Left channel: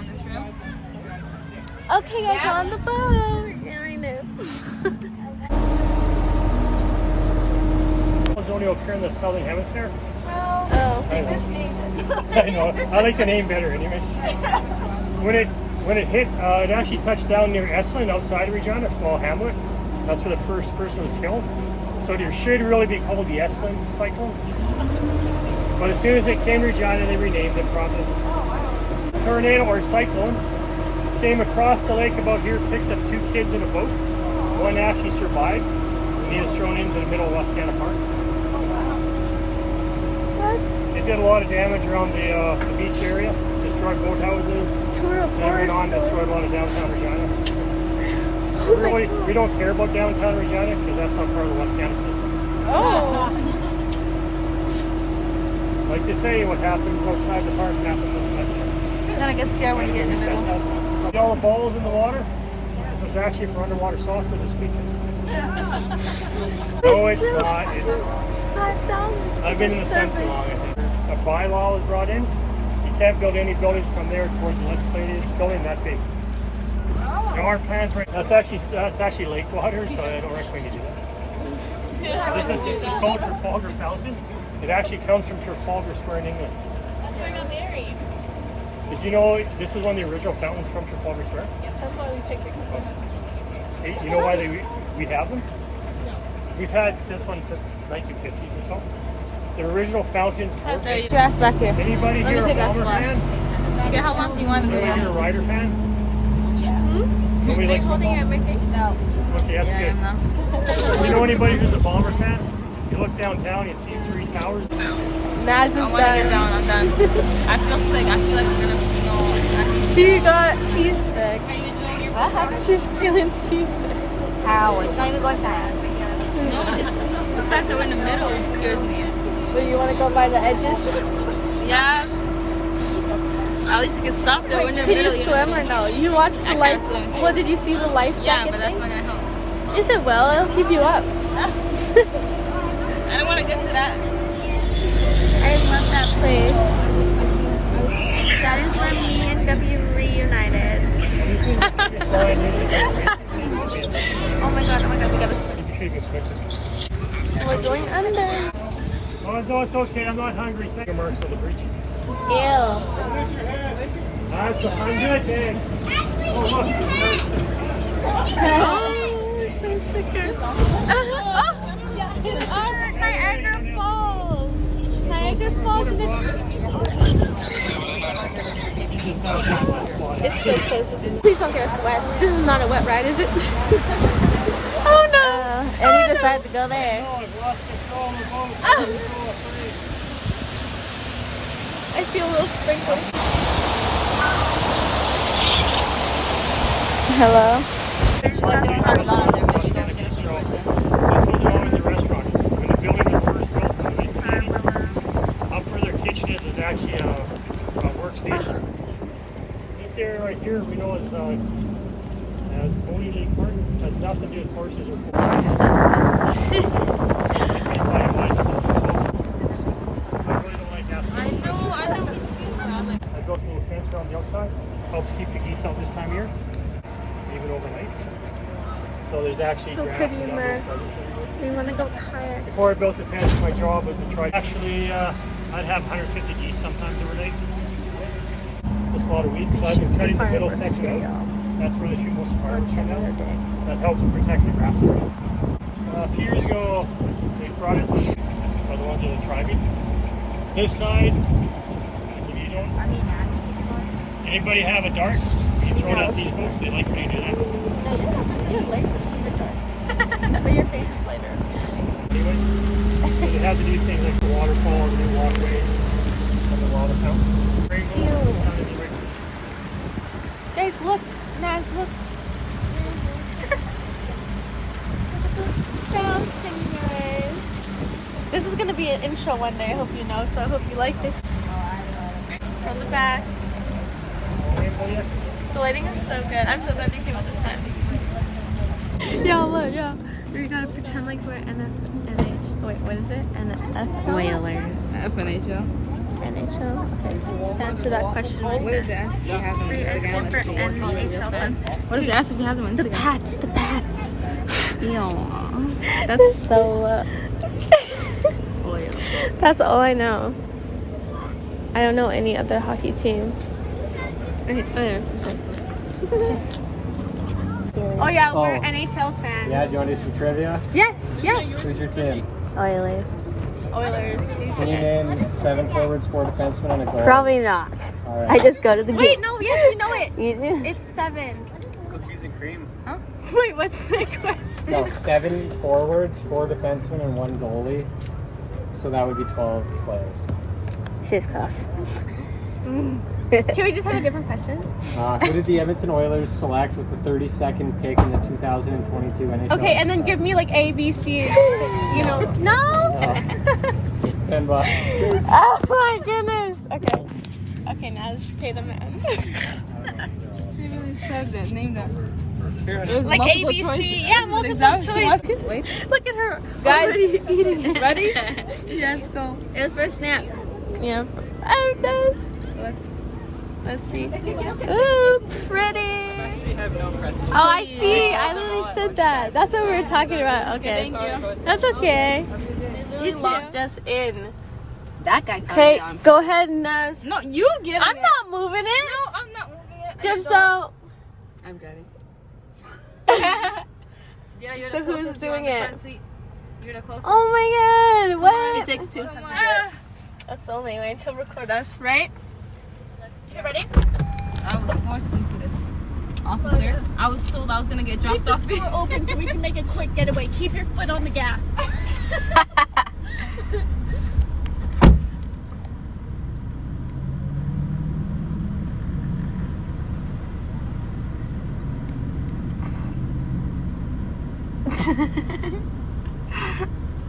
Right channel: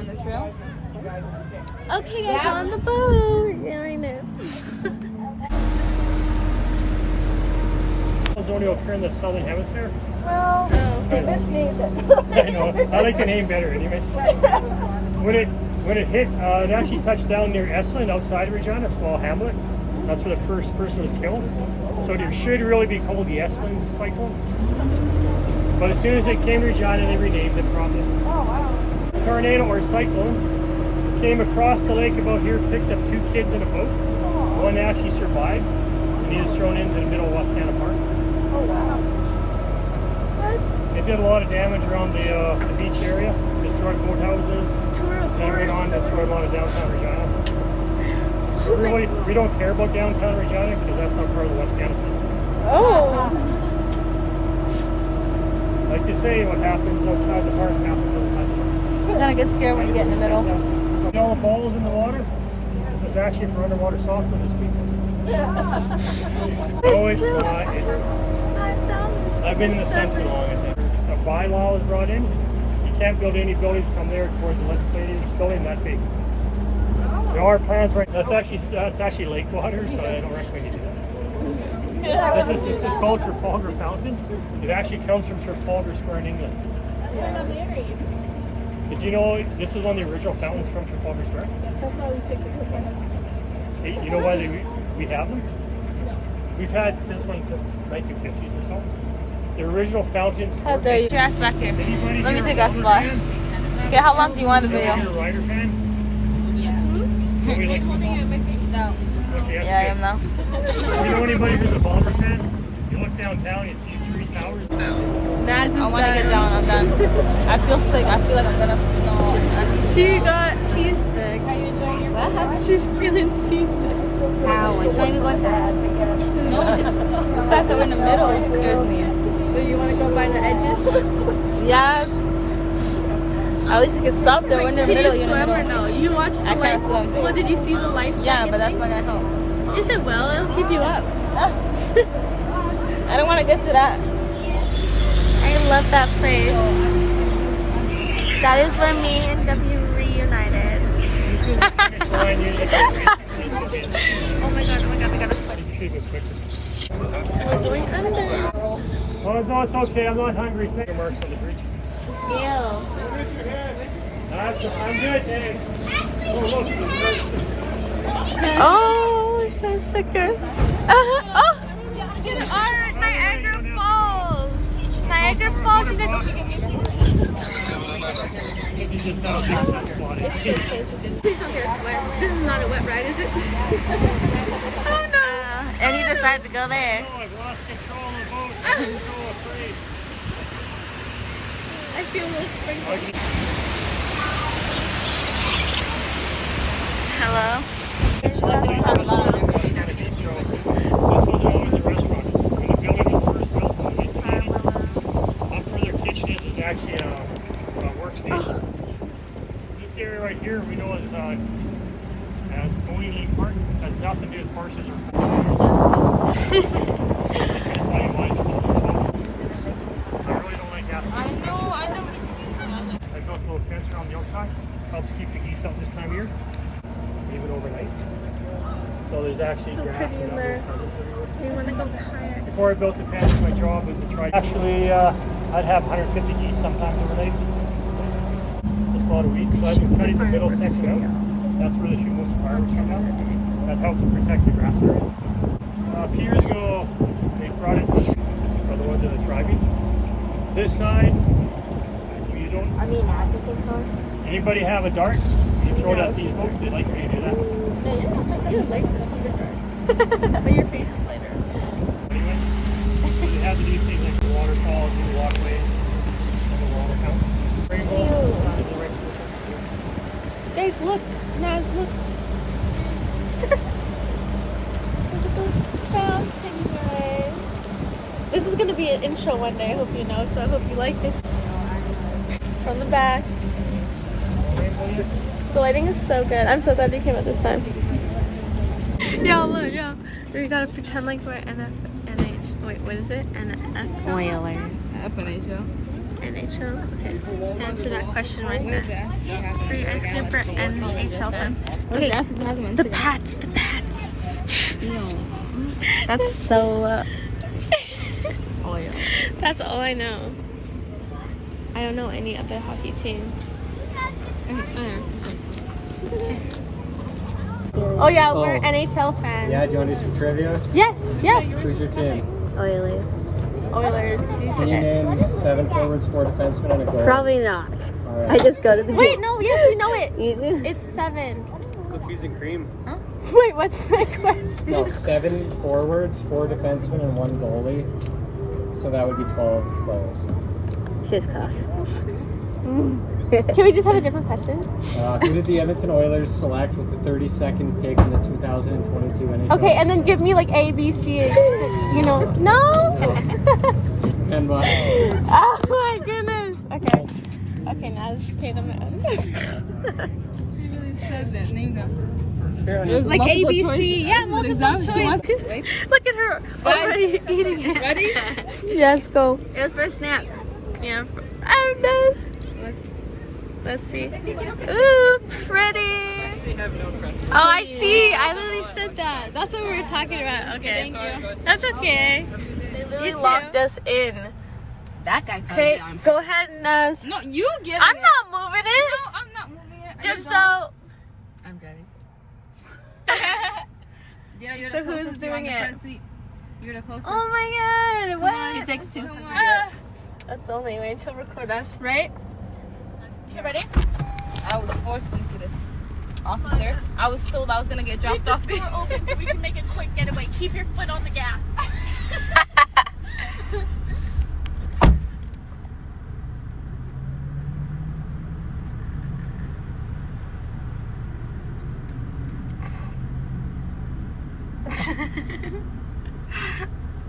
on the trail. Okay, guys, we're on the boat. Yeah, I know. Those only occur in the southern hemisphere. Oh. I know. I like the name better anyway. When it hit, it actually touched down near Esslin outside of Regina, a small hamlet. That's where the first person was killed. So there should really be called the Esslin cyclone. But as soon as it came to Regina, they renamed it probably. Tornado or cyclone came across the lake above here, picked up 2 kids in a boat. One actually survived. He was thrown into the middle of Wascana Park. What? It did a lot of damage around the beach area. Destroyed boathouses. Tour of horror stories. Destroyed a lot of downtown Regina. Oh my God. We don't care about downtown Regina because that's not part of the Wascana system. Oh. Like they say, what happens outside the park happens outside the park. Kind of get scared when you get in the middle. So all the balls in the water. This is actually for underwater softer this week. No, it's not. $5 I've for been in the the center. service. A bylaw was brought in. You can't build any buildings from there towards the legislative building that big. There are plans right. That's actually lake water, so they don't recommend you do it. This is called Trafalgar Fountain. It actually comes from Trafalgar Square in England. That's where I got married. Did you know this is one of the original fountains from Trafalgar Square? Yes, that's why we picked it, because my husband's from the UK. You know why we have them? No. We've had this one since 1950s or so. The original fountains. Had the grass back there. Anybody Let me here take a that spot. Ryder Okay, how long do you want the fan? Anybody video? here a Ryder fan? Hmm? Nobody Are likes you holding it football? at my face? No. Okay, that's Yeah, I good. am now. Do you know anybody who's a Bomber fan? You look downtown, you see 3 towers. Naz is I want to get down. I'm done. I feel sick. I feel like I'm gonna. No, I need to She go. got seasick. Are you enjoying your What? She's feeling seasick. How? It's not even going fast. No, just the fact that we're in the middle scares me. Do you want to go by the edges? Yes. At least you can stop there. Wait, can you swim or no? You watched the I life. can't swim. What did you see the life Yeah, jacket? but that's not gonna help. Yes, it will. It'll keep you up. I don't want to get to that. I love that place. That is where me and W reunited. Oh my god, we gotta switch. We're going under. Oh, no, it's okay. I'm not hungry. Thank you, marks on the bridge. Ew. I'm good, thanks. Oh, look. Oh, sticker. Oh, Niagara Falls. Niagara Falls, you guys. It's so close. Please don't get us wet. This is not a wet ride, is it? Oh no. And you decided to go there. Oh, I've lost control of the boat. Oh. I'm so afraid. I feel a little sprinkled. Hello. Like they don't have a lot of their restaurants. This wasn't always a restaurant. When the building was first built in the late 80s, up where their kitchen is actually a workstation. This area right here we know is as Boeing Lake Park. Has nothing to do with horses or I really don't like that. I know. It's I built a little fence around the outside. Helps keep the geese out this time of year. Leave it overnight. So there's actually So grass pretty, and outdoor man. presence everywhere. We want to go kayak. Before I built the fence, my job was to try. Actually, I'd have 150 geese sometimes to play. Just a lot of weeds, so I've been cutting the middle section out. That's where the shoot most fireworks come down. That helps protect the grass area. A few years ago, they brought in some for the ones that are thriving. This side, if you don't. Anybody have a dart? You throw it at these boats. They like when you do that. No, your legs are super dark. But your face is lighter. Anyone? So they have to do things like the waterfalls and the walkways on the water fountain. Guys, look. Naz, look. Look at the fountain, guys. This is going to be an intro one day, I hope you know, so I hope you like it. From the back. The lighting is so good. I'm so glad you came out this time. Yeah, look, yeah. We gotta pretend like we're NH. Wait, what is it? NF Whalers. FNHL. NHL. Okay. Answer that question right What there. did it ask? You have Are you them asking for NHL fan? What did it ask if you have them on The Instagram? Pats. The Pats. Ew. That's so oil. That's all I know. I don't know any other hockey team. Okay. It's okay. Oh yeah, we're Oh. NHL fans. Yeah, do you want to do some trivia? Yes, yes. Who's your team? Oilers. Oilers. You Can you said it. name 7 forwards, 4 defensemen, and a goal? Probably not. All right. I just go to the Wait, game. no, yes, we know it. You do? It's 7. Piece of cream. Wait, what's the question? No, 7 forwards, 4 defensemen, and 1 goalie. So that would be 12 players. She's close. Can we just have a different question? Who did the Edmonton Oilers select with the 32nd pick in the 2022 NHL? Okay, and then give me like A, B, C, you know. No? It's $10. Oh my goodness. Okay. Okay, now just pay the man. She really said that. Name them. Like A, B, C. Yeah, multiple choice. Look at her already eating it. Ready? Yes, go. It was first snap. Yeah. I'm done. Look. Let's see. Ooh, pretty. Oh, I see. I literally said that. That's what we were talking about. Okay. Thank you. That's okay. They literally locked us in. That guy cut Okay, it down. go ahead, Naz. No, you get I'm it. not moving it. No, I'm not moving it. Dibs out. I'm driving. Yeah, you're So the who's closest. doing You're on the it? front seat. You're the closest. Oh my god. What? It takes 2. That's the only way to record us, right? You ready? I was forced into this. Officer, I was told I was gonna get dropped off. Door open so we can make a quick getaway. Keep your foot on the gas.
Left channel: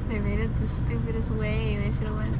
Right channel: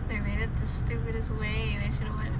They made it the stupidest way. They should have went.